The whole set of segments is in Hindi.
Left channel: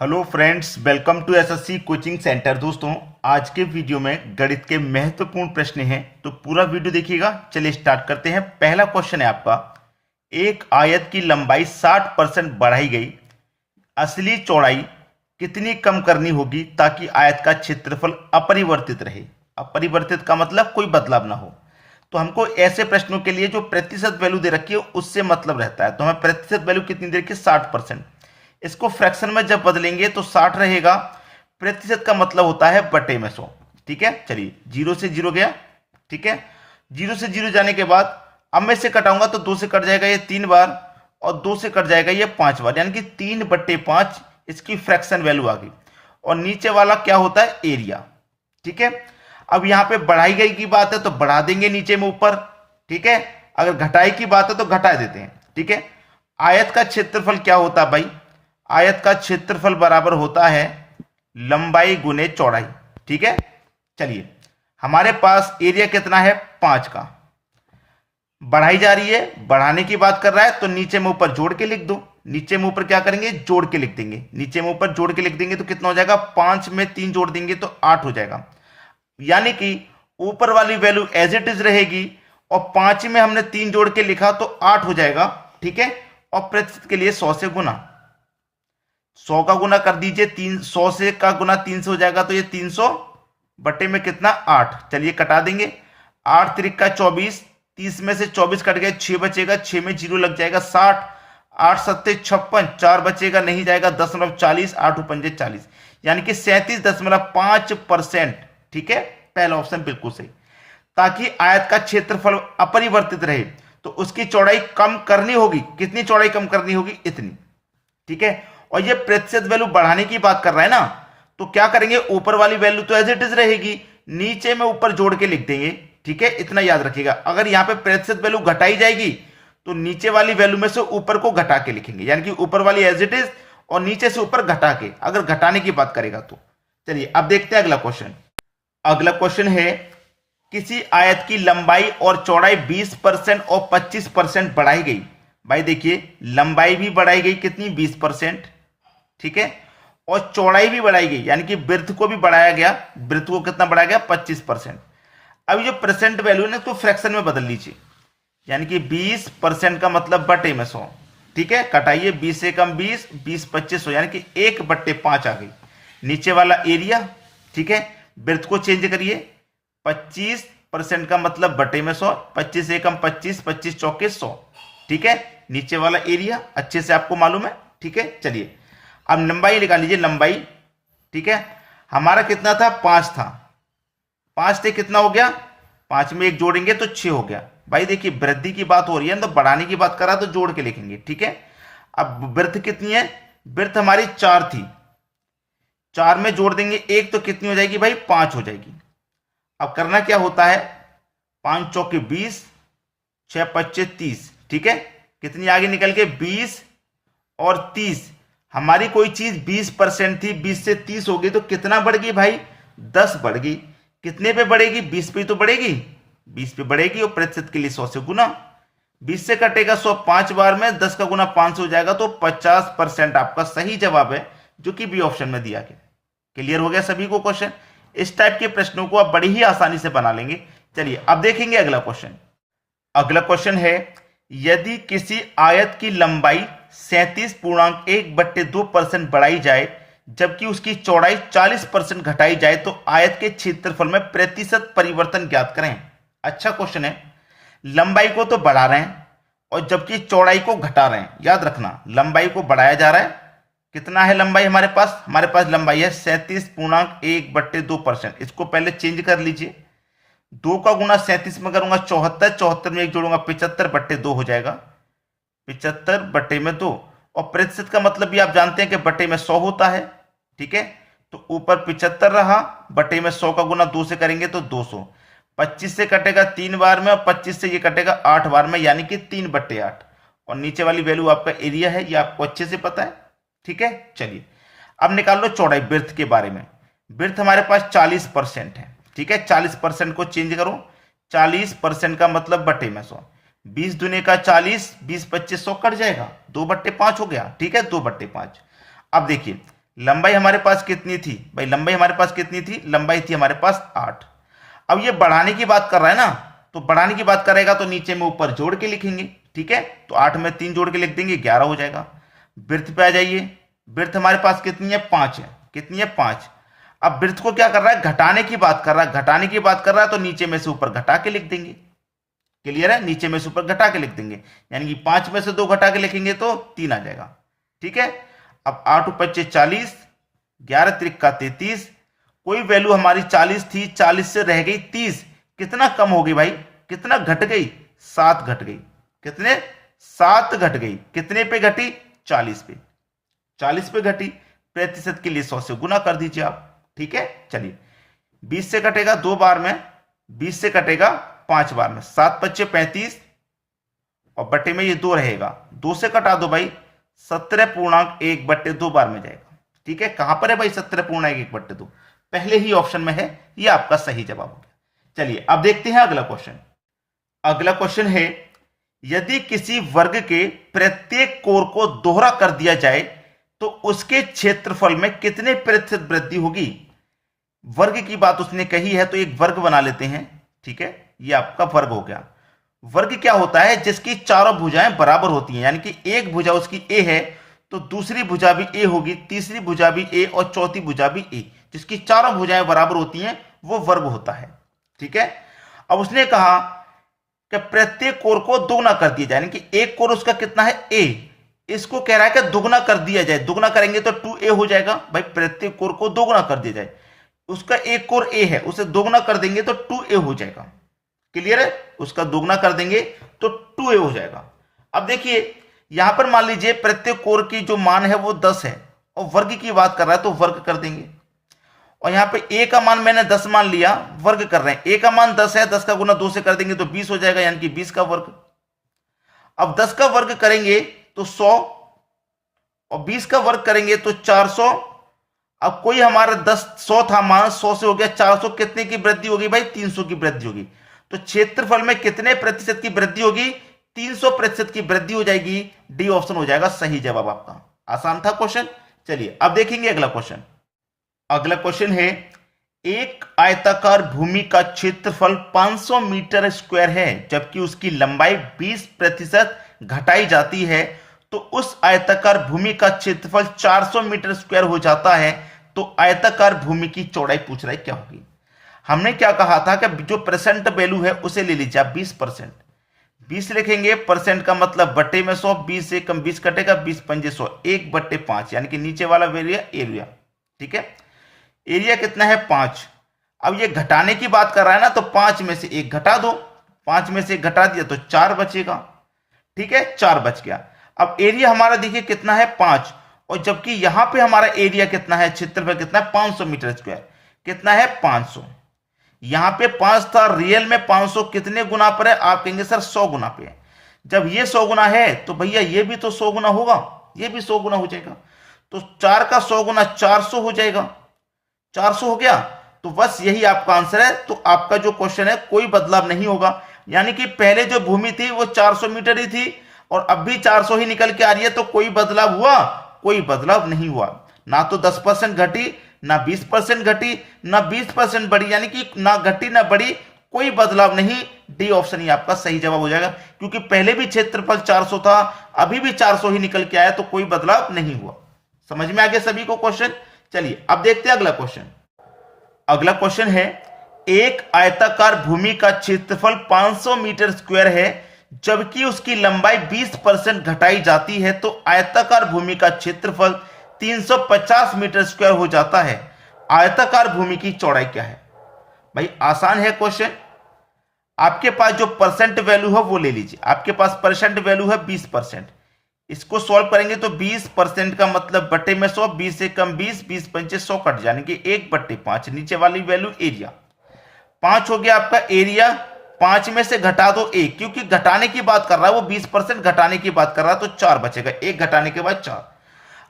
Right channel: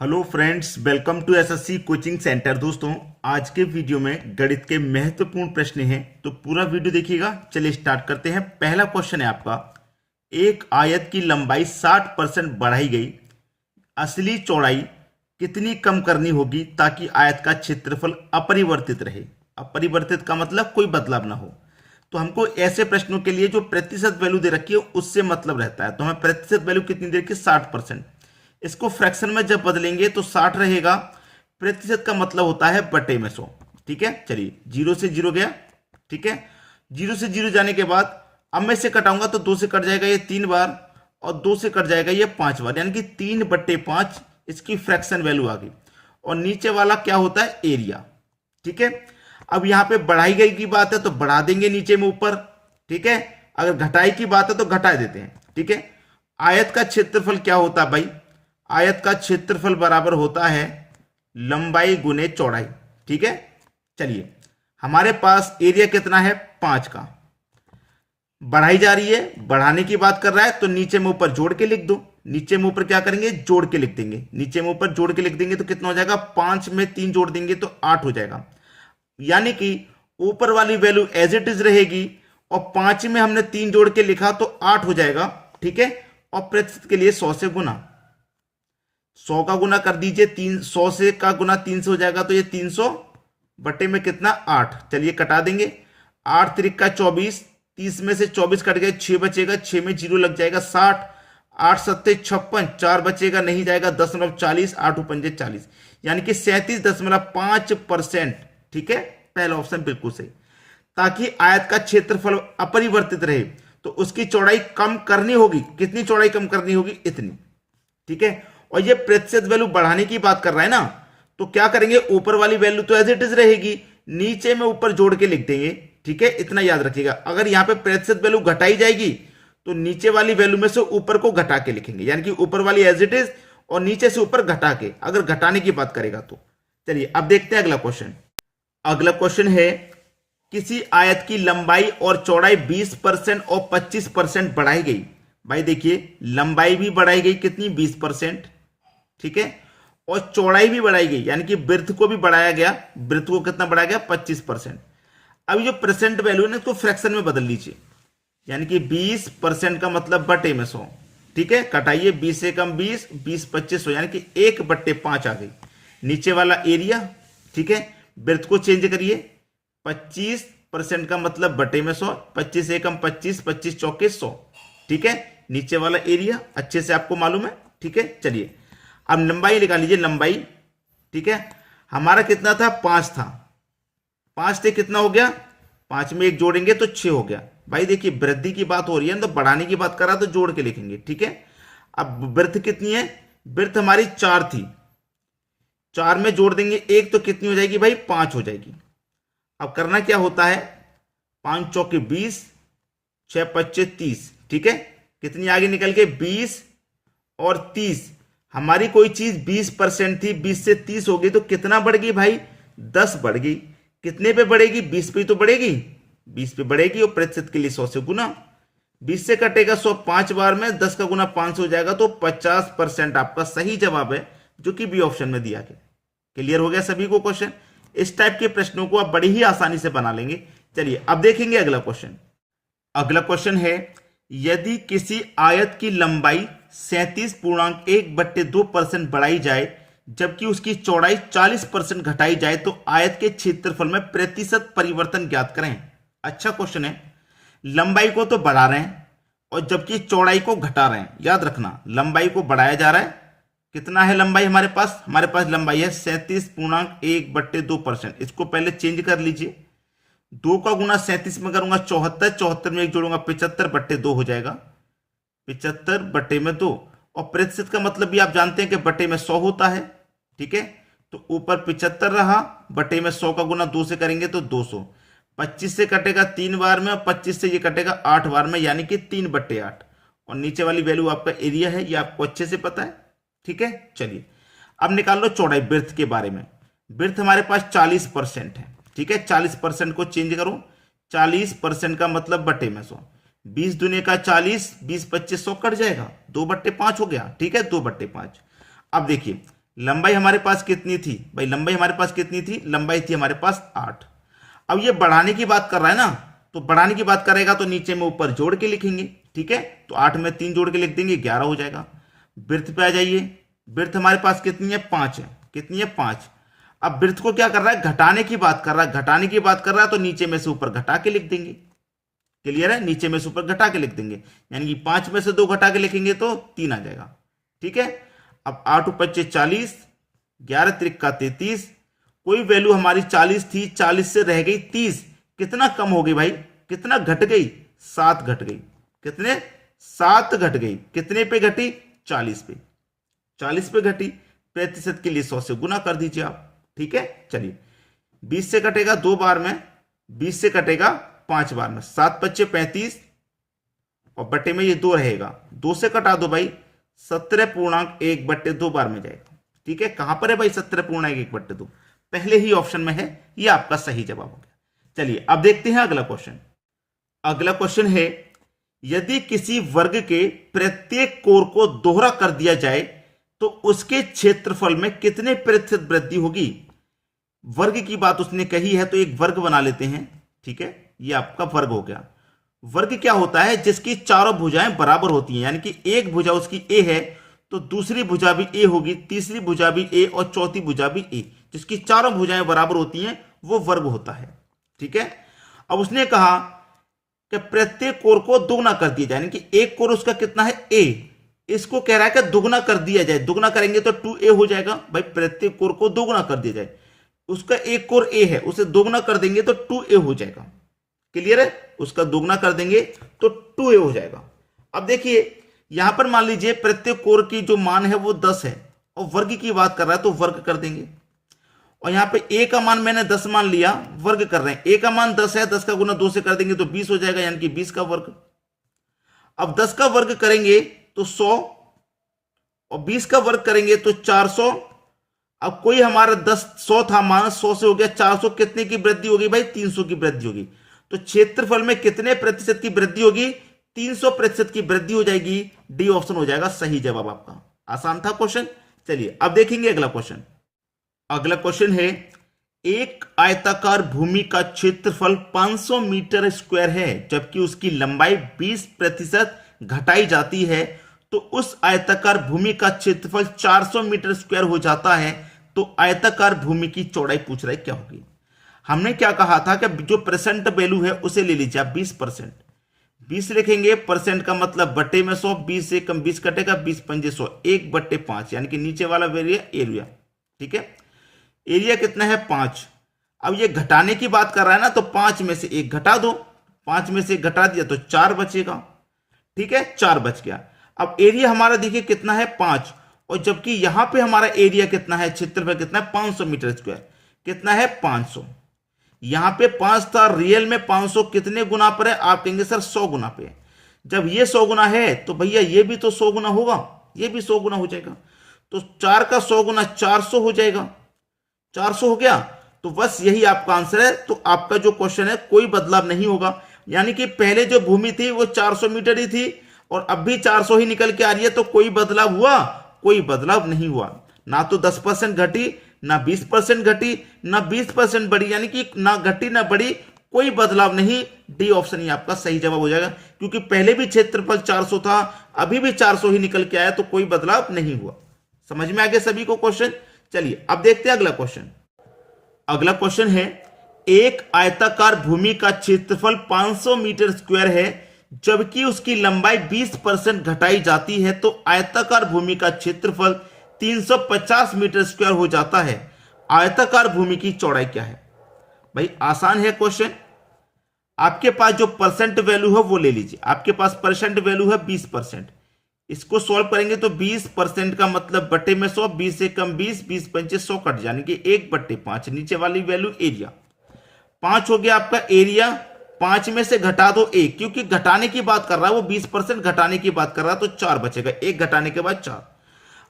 Hello friends, welcome to SSC coaching centre. दोस्तों, आज के वीडियो में गणित के महत्वपूर्ण प्रश्न हैं, तो पूरा वीडियो देखिएगा। चलिए स्टार्ट करते हैं। पहला क्वेश्चन है आपका, एक आयत की लंबाई 60% बढ़ाई गई, असली चौड़ाई कितनी कम करनी होगी ताकि आयत का क्षेत्रफल अपरिवर्तित रहे। अपरिवर्तित का मतलब कोई बदलाव ना हो। तो हमको ऐसे प्रश्नों के लिए जो प्रतिशत वैल्यू दे रखी है उससे मतलब रहता है। तो हमें प्रतिशत वैल्यू कितनी दे रखी है? 60%। इसको फ्रैक्शन में जब बदलेंगे तो 60 रहेगा। प्रतिशत का मतलब होता है बटे में 100। ठीक है, चलिए जीरो से जीरो गया। ठीक है, जीरो से जीरो जाने के बाद अब मैं इसे कटाऊंगा तो 2 से कट जाएगा ये 3 बार, और 2 से कट जाएगा ये 5 बार, यानी कि 3/5 इसकी फ्रैक्शन वैल्यू आ गई। और नीचे वाला क्या होता है? एरिया। ठीक है, अब यहां पे बढ़ाई गई की बात है तो बढ़ा देंगे नीचे में ऊपर। ठीक है, अगर घटाई की बात है तो घटा देते हैं। ठीक है, आयत का क्षेत्रफल क्या होता है भाई? आयत का क्षेत्रफल बराबर होता है लंबाई गुने चौड़ाई। ठीक है, चलिए हमारे पास एरिया कितना है? 5 का। बढ़ाई जा रही है, बढ़ाने की बात कर रहा है तो नीचे में ऊपर जोड़ के लिख दो। नीचे में ऊपर क्या करेंगे? जोड़ के लिख देंगे। नीचे में ऊपर जोड़ के लिख देंगे तो कितना हो जाएगा? 5 में 3 जोड़ देंगे तो 8 हो जाएगा। यानी कि ऊपर वाली वैल्यू एज इट इज रहेगी और 5 में हमने 3 जोड़ के लिखा तो 8 हो जाएगा। ठीक है, और प्रतिशत के लिए 100 से गुना, 100 का गुना कर दीजिए। 100 से का गुना 3 से हो जाएगा तो ये 300 बटे में कितना? 8। चलिए कटा देंगे। 8 त्रिक 24, 30 में से 24 कट गए, 6 बचेगा, 6 में जीरो लग जाएगा 60, 8 सत्ते 56, 4 बचेगा नहीं जाएगा 10.40, 8 पंजे 40, यानी कि 37.5%। ठीक है, पहला ऑप्शन बिल्कुल सही। ताकि आयत का क्षेत्रफल अपरिवर्तित रहे तो उसकी चौड़ाई कम करनी होगी। कितनी चौड़ाई कम करनी होगी? इतनी। ठीक है, और ये प्रतिशत वैल्यू बढ़ाने की बात कर रहा है ना, तो क्या करेंगे? ऊपर वाली वैल्यू तो एज इट इज रहेगी, नीचे में ऊपर जोड़ के लिख देंगे। ठीक है, इतना याद रखिएगा। अगर यहां पे प्रतिशत वैल्यू घटाई जाएगी तो नीचे वाली वैल्यू में से ऊपर को घटा के लिखेंगे, यानी कि ऊपर वाली एज इट इज और नीचे से ऊपर घटा के, अगर घटाने की बात करेगा तो। चलिए अब देखते हैं अगला क्वेश्चन। अगला क्वेश्चन है, किसी आयत की लंबाई और चौड़ाई 20% और 25% बढ़ाई गई। भाई देखिए, लंबाई भी बढ़ाई गई कितनी? 20%। ठीक है, और चौड़ाई भी बढ़ाई गई, यानी कि वृत्त को भी बढ़ाया गया। वृत्त को कितना बढ़ाया गया? 25%। अभी जो परसेंट वैल्यू है ना, इसको फ्रैक्शन में बदल लीजिए, यानी कि 20% का मतलब बटे में 100। ठीक है, कटाइए, 20 से कम 20, 20 25 100, यानी कि 1/5 आ गई। नीचे वाला एरिया। ठीक है, वृत्त को चेंज करिए, 25% का मतलब बटे में 100, 25 से कम 25, 25 चौके 100। ठीक है, नीचे वाला एरिया अच्छे से आपको मालूम है। ठीक है, चलिए अब लंबाई निकाल लीजिए। लंबाई, ठीक है, हमारा कितना था? 5 था। 5 से कितना हो गया? 5 में 1 जोड़ेंगे तो 6 हो गया। भाई देखिए, वृद्धि की बात हो रही है तो बढ़ाने की बात कर रहा है तो जोड़ के लिखेंगे। ठीक है, अब वृत्त कितनी है? वृत्त हमारी 4 थी, 4 में जोड़ देंगे 1 तो कितनी हो जाएगी भाई? 5 हो जाएगी। अब करना क्या होता है? 5 चौके 20, 6 पच्चे 30। ठीक है, कितनी आगे निकल के? 20 और 30। हमारी कोई चीज 20% थी, 20 से 30 हो गई तो कितना बढ़ गई भाई? 10 बढ़ गई। कितने पे बढ़ेगी? 20 पे तो बढ़ेगी, 20 पे बढ़ेगी। और प्रतिशत के लिए 100 से गुना, 20 से कटेगा 100 5 बार में, 10 का गुना 5 से हो जाएगा तो 50% आपका सही जवाब है, जो कि बी ऑप्शन में दिया गया। क्लियर हो गया सभी को क्वेश्चन? इस टाइप के प्रश्नों को आप बड़ी ही आसानी से बना लेंगे। चलिए अब देखेंगे अगला क्वेश्चन। अगला क्वेश्चन है, यदि किसी आयत की लंबाई 37.1/2% बढ़ाई जाए जबकि उसकी चौड़ाई 40% घटाई जाए तो आयत के क्षेत्रफल में प्रतिशत परिवर्तन ज्ञात करें। अच्छा क्वेश्चन है। लंबाई को तो बढ़ा रहे हैं और जबकि चौड़ाई को घटा रहे हैं। याद रखना, लंबाई को बढ़ाया जा रहा है। कितना है लंबाई हमारे पास? हमारे पास लंबाई है 37.1/2%। इसको पहले चेंज कर लीजिए। 2 का गुना 37 में करूंगा 74, 74 में 1 जोड़ूंगा 75/2 हो जाएगा, 75/2। और प्रतिशत का मतलब भी आप जानते हैं कि बटे में 100 होता है। ठीक है, तो ऊपर 75 रहा, बटे में 100 का गुना 2 से करेंगे तो 200। 25 से कटेगा 3 बार में और 25 से ये कटेगा 8 बार में, यानी कि 3/8। और नीचे वाली वैल्यू आपका एरिया है, ये आपको अच्छे से पता है। ठीक है, चलिए अब निकाल लो चौड़ाई। वृत्त के बारे में, वृत्त हमारे पास 40% है। ठीक है, 40% को चेंज करो, 40% का मतलब बटे में 100, 20 दूनी का 40, 20 25 100 कट जाएगा, 2/5 हो गया। ठीक है, 2/5। अब देखिए लंबाई हमारे पास कितनी थी भाई, लंबाई हमारे पास कितनी थी, लंबाई थी हमारे पास 8। अब ये बढ़ाने की बात कर रहा है ना, तो बढ़ाने की बात करेगा तो नीचे में ऊपर जोड़ के लिखेंगे, ठीक है। तो 8 में 3 जोड़ के लिख देंगे, 11 हो जाएगा। वृत्त पे आ जाइए, वृत्त हमारे पास कितनी है, 5 है। कितनी है, 5। अब वृत्त को क्या कर रहा है, घटाने की बात कर रहा है, घटाने की बात कर रहा है तो नीचे में से ऊपर घटा के लिख देंगे। क्लियर है, नीचे में से ऊपर घटा के लिख देंगे, यानी कि 5 में से 2 घटा के लिखेंगे तो 3 आ जाएगा, ठीक है। अब 8 × 5 = 40, 11 × 3 = 33। कोई वैल्यू हमारी 40 थी, 40 से रह गई 30। कितना कम हो गई भाई, कितना घट गई, 7 घट गई। कितने, 7 घट गई। कितने पे घटी, 40 पे। 40 पे घटी, प्रतिशत के लिए 100 से गुना कर दीजिए आप, ठीक है। चलिए 20 से कटेगा 2 बार में, 20 से कटेगा 5 बार में, 7 × 5 = 35 और बट्टे में ये 2 रहेगा, 2 से कटा दो भाई, 17.1/2 बार में जाएगा, ठीक है। कहां पर है भाई, 17.1/2, पहले ही ऑप्शन में है, ये आपका सही जवाब हो गया। चलिए अब देखते हैं अगला क्वेश्चन। अगला क्वेश्चन है, यदि किसी वर्ग के प्रत्येक कोर को दोहरा कर दिया जाए तो उसके क्षेत्रफल में कितने प्रतिशत वृद्धि होगी। वर्ग की बात उसने कही है तो एक वर्ग बना लेते हैं, ठीक है। ये आपका वर्ग हो गया। वर्ग क्या होता है, जिसकी चारों भुजाएं बराबर होती हैं, यानी कि एक भुजा उसकी ए है तो दूसरी भुजा भी ए होगी, तीसरी भुजा भी ए और चौथी भुजा भी ए, जिसकी चारों भुजाएं बराबर होती हैं वो वर्ग होता है, ठीक है। अब उसने कहा कि प्रत्येक कोर को दोगुना कर दिया जाए, यानी कि एक कोर उसका कितना है, ए, इसको कह रहा है कि दोगुना कर दिया जाए। दोगुना करेंगे तो 2a हो जाएगा भाई, प्रत्येक कोर को दोगुना कर दिया जाए। उसका एक कोर a है, उसे दोगुना कर देंगे तो 2a हो जाएगा। क्लियर है, उसका दोगुना कर देंगे तो 2a हो जाएगा। अब देखिए यहां पर मान लीजिए प्रत्येक कोर की जो मान है वो 10 है और वर्ग की बात कर रहा है तो वर्ग कर देंगे। और यहां पे a का मान मैंने 10 मान लिया, वर्ग कर रहे हैं, a का मान 10 है, 10 का गुना 2 से कर देंगे तो 20 हो जाएगा, यानी कि 20 का वर्ग। अब 10 का वर्ग करेंगे तो 100 और 20 का वर्ग करेंगे तो 400। अब कोई हमारा 100 था मान, 100 से हो गया 400, कितने की वृद्धि होगी भाई, 300 की वृद्धि होगी। तो क्षेत्रफल में कितने प्रतिशत की वृद्धि होगी, 300% की वृद्धि हो जाएगी। डी ऑप्शन हो जाएगा सही जवाब आपका। आसान था क्वेश्चन। चलिए अब देखेंगे अगला क्वेश्चन। अगला क्वेश्चन है, एक आयताकार भूमि का क्षेत्रफल 500 मीटर स्क्वायर है जबकि उसकी लंबाई 20% घटाई जाती है, तो उस आयताकार भूमि का क्षेत्रफल 400 मीटर स्क्वायर हो जाता है, तो आयताकार भूमि की चौड़ाई पूछ रहा है क्या होगी। हमने क्या कहा था कि जो परसेंट वैल्यू है उसे ले लीजिए आप 20%। 20 लिखेंगे, परसेंट का मतलब बट्टे में 100, 20 से कम 20 कटेगा, 20 × 5 = 100, 1/5, यानी कि नीचे वाला वैल्यू एरिया, ठीक है। एरिया कितना है, 5। अब ये घटाने की बात कर रहा है ना, तो 5 में से 1 घटा दो, 5 में से 1 घटा दिया तो 4 बचेगा, ठीक है, 4 बच गया। अब एरिया हमारा देखिए कितना है, 5, और जबकि यहां पे हमारा एरिया कितना है, क्षेत्रफल कितना है, 500 मीटर स्क्वायर। कितना है, 500। यहां पे 5 था, रियल में 500 कितने गुना पर है, आप कहेंगे सर 100 गुना पे है। जब ये 100 गुना है तो भैया ये भी तो 100 गुना होगा, ये भी 100 गुना हो जाएगा, तो 4 का 100 गुना 400 हो जाएगा। 400 हो गया, तो बस यही आपका आंसर है। तो आपका जो क्वेश्चन है कोई बदलाव नहीं होगा, यानी कि पहले जो भूमि थी वो 400 मीटर ही थी और अब भी 400 ही निकल के आ रही है, तो कोई बदलाव हुआ, कोई बदलाव नहीं हुआ। ना तो 10% घटी, ना 20% घटी, ना 20% बढ़ी, यानी कि ना घटी ना बढ़ी, कोई बदलाव नहीं। डी ऑप्शन ही आपका सही जवाब हो जाएगा, क्योंकि पहले भी क्षेत्रफल 400 था, अभी भी 400 ही निकल के आया, तो कोई बदलाव नहीं हुआ। समझ में आ गया सभी को क्वेश्चन। चलिए अब देखते हैं अगला क्वेश्चन। अगला क्वेश्चन है, एक आयताकार भूमि का क्षेत्रफल 500 मीटर स्क्वायर है जबकि उसकी लंबाई 20% घटाई जाती है, तो आयताकार भूमि का क्षेत्रफल 350 मीटर स्क्वायर हो जाता है। आयताकार भूमि की चौड़ाई क्या है। भाई आसान है क्वेश्चन। आपके पास जो परसेंट वैल्यू है वो ले लीजिए। आपके पास परसेंट वैल्यू है 20%। इसको सॉल्व करेंगे तो 20% का मतलब बटे में 100, 20 से कम 20, 20 × 5 = 100 कट जाने की 1/5। नीचे वाली वैल्यू एरिया 5 हो गया आपका एरिया। 5 में से घटा दो 1, क्योंकि घटाने की बात कर रहा है वो, 20% घटाने की बात कर रहा है, तो 4 बचेगा, 1 घटाने के बाद 4।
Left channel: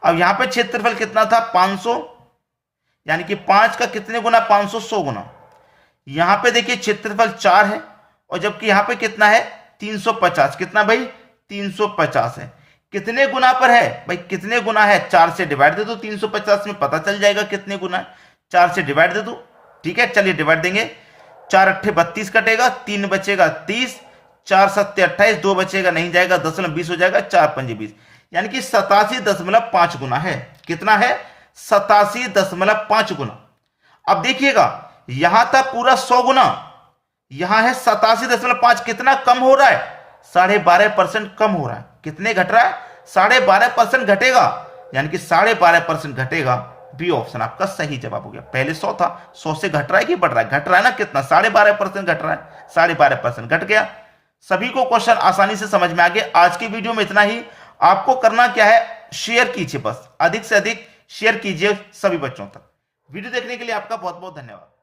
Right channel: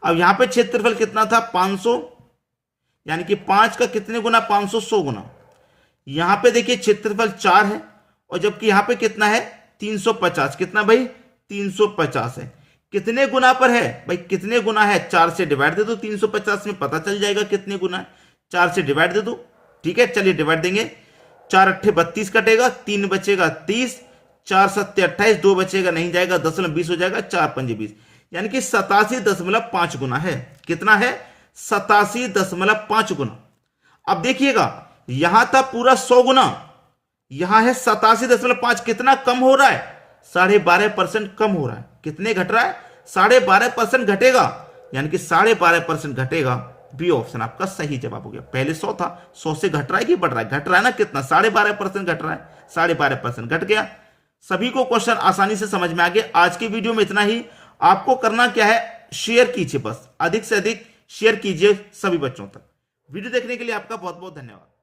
अब यहां पे क्षेत्रफल कितना था, 500, यानी कि 5 का कितने गुना, 500, 100 गुना। यहां पे देखिए क्षेत्रफल 4 है और जबकि यहां पे कितना है, 350। कितना भाई, 350 है। कितने गुना पर है भाई, कितने गुना है, 4 से डिवाइड दे दो, 350 में पता चल जाएगा कितने गुना है, 4 से डिवाइड दे दो। ठीक है, चलिए डिवाइड देंगे, 4 अट्ठे 32 कटेगा, 3 बचेगा 30, 4 सत्ते 28, 2 बचेगा नहीं जाएगा, 10 20 हो जाएगा, 4 पंजे 20, यानी कि 87.5 गुना है। कितना है, 87.5 गुना। अब देखिएगा यहां था पूरा 100 गुना, यहां है 87.5, कितना कम हो रहा है, 12.5% कम हो रहा है। कितने घट रहा है, 12.5% घटेगा, यानी कि 12.5% घटेगा। बी ऑप्शन आपका सही जवाब हो गया। पहले 100 था, 100 से घट रहा है कि बढ़ रहा है, घट रहा है ना, कितना 12.5% घट रहा है, 12.5% घट गया। सभी को क्वेश्चन आसानी से समझ में आ गया। आज की वीडियो में इतना ही। आपको करना क्या है, शेयर कीजिए, बस अधिक से अधिक शेयर कीजिए सभी बच्चों तक। वीडियो देखने के लिए आपका बहुत बहुत धन्यवाद।